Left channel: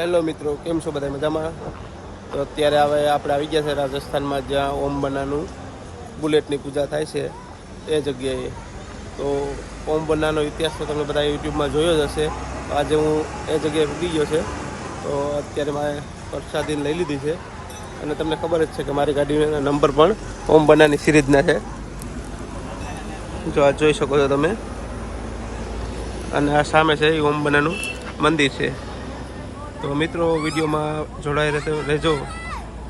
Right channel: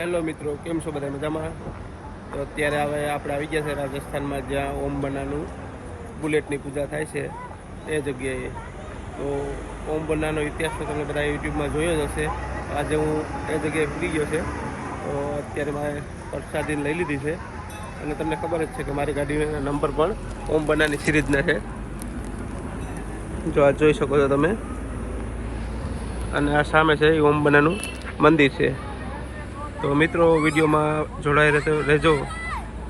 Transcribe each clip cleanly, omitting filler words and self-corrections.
Hello મિત્રો, કેમ છો બધા મજામાં? તો અત્યારે હવે આપણે આવી ગયા છે રાજસ્થાનમાં, જ્યાં ઓમ બનાનું બુલેટની પૂજા થાય છે એ જગ્યાએ. તો ઓમ બનાનો ઇતિહાસ તો તમે બધા યુટ્યુબમાં જોયો જ હશે. આજે હું એ જગ્યાએ પૂગી ગયો છે. તો અત્યારે મારે પ્રસાદીને લઈ લીધી છે અને તમને ખબર જ છે કે મારી ગાડીનો નંબર પણ ઓમ બનાની સિરીઝના છે. જો આ જોઈ શકો છો તમે, અને આ સામે છે એ ઓમ બનાનું મંદિર છે. તો મિત્રો, વિડીયોમાં જોડાઈ રહેજો.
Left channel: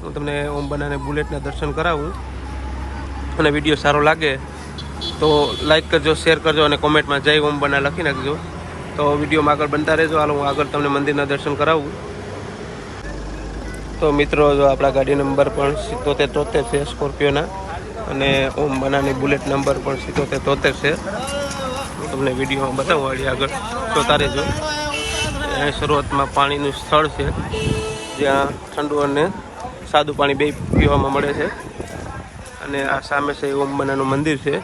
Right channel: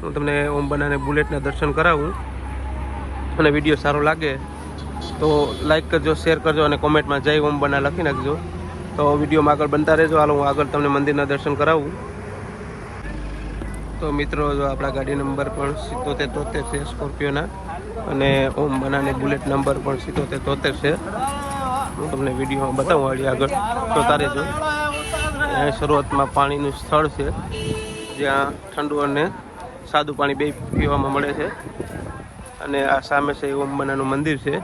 હું તમને ઓમ બનાને બુલેટના દર્શન કરાવું, અને વિડીયો સારો લાગે તો લાઈક કરજો, શેર કરજો અને કોમેન્ટમાં જય ઓમ બના લખી નાખજો. તો વિડીયોમાં આગળ બનતા રહેજો. હાલો, હું આગળ તમને મંદિરના દર્શન કરાવું. તો મિત્રો, જો આપણા ગાડી નંબર પણ 7773 છે સ્કોર્પિયોના, અને ઓમ બનાની બુલેટ નંબર પણ 7773 છે. હું તમને વિડીયોમાં બતાવું વાળી આગળ જોતા રહેજો. અહીં શરૂઆતમાં પાણીનું સ્થળ છે, જ્યાં ઠંડુ અને સાદું પાણી બે પીવામાં મળે છે. અને આ સામે છે ઓમ બનાનું મંદિર છે.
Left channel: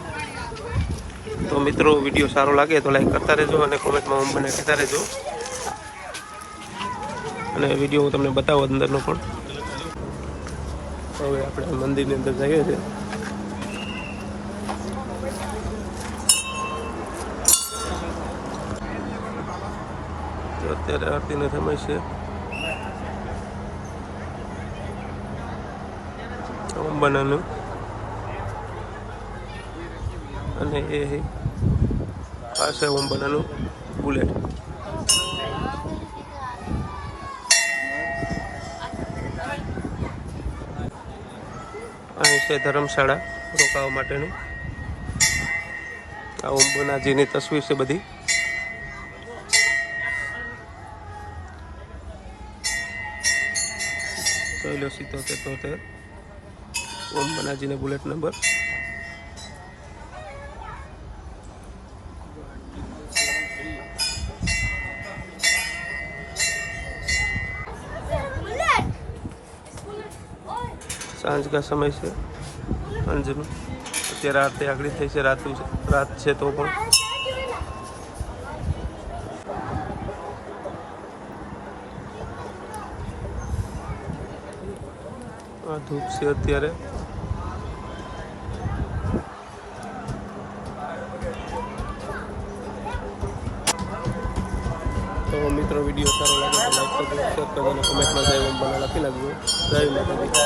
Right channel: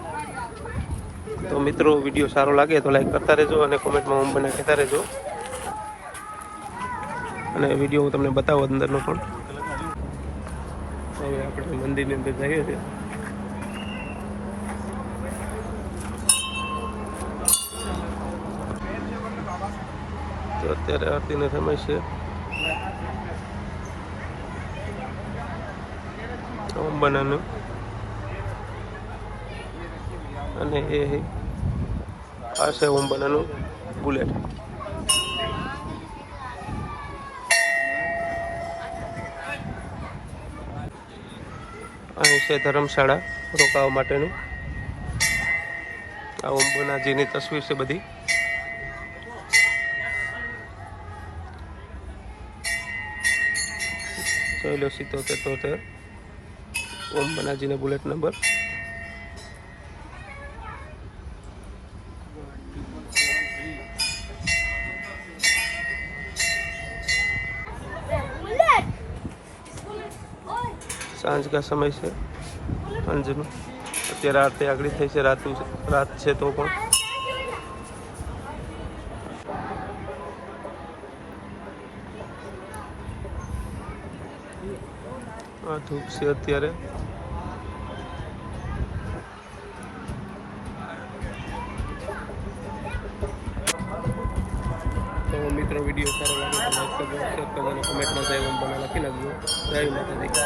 તો મિત્રો, વિડીયો સારો લાગે તો લાઈક કરતા રહેજો અને કોમેન્ટમાં ઓમ બના કહેતા રહેજો. અને વિડીયો હું તમને બતાવું અંદરનો પણ. હવે આપણે મંદિરની અંદર જઈએ છીએ. તો અત્યારે આરતીનો સમય છે. ઓમ બનાનું, અને એ આ છે ઓમ બનાનું બુલેટ. અહીં છે ધર્મશાળા રોકાવા માટેનું. આ ઓમ બનાજીની તસવીર છે બધી. જોઈ લો, 7773 ઓમ બનાજીને બુલેટ નંબર. સાંજ કા સમય છે, સાંજનો. અત્યારે આરતી આગળ થઈ છે, રાત છે તો પણ. આ ધૂપ છે અત્યારે. તો મિત્રો, વિડીયો સારો લાગે તો લાઈક કરજો, શેર કરજો અને કોમેન્ટમાં જય ઓમ બના લખી નાખજો. જય માતાજી.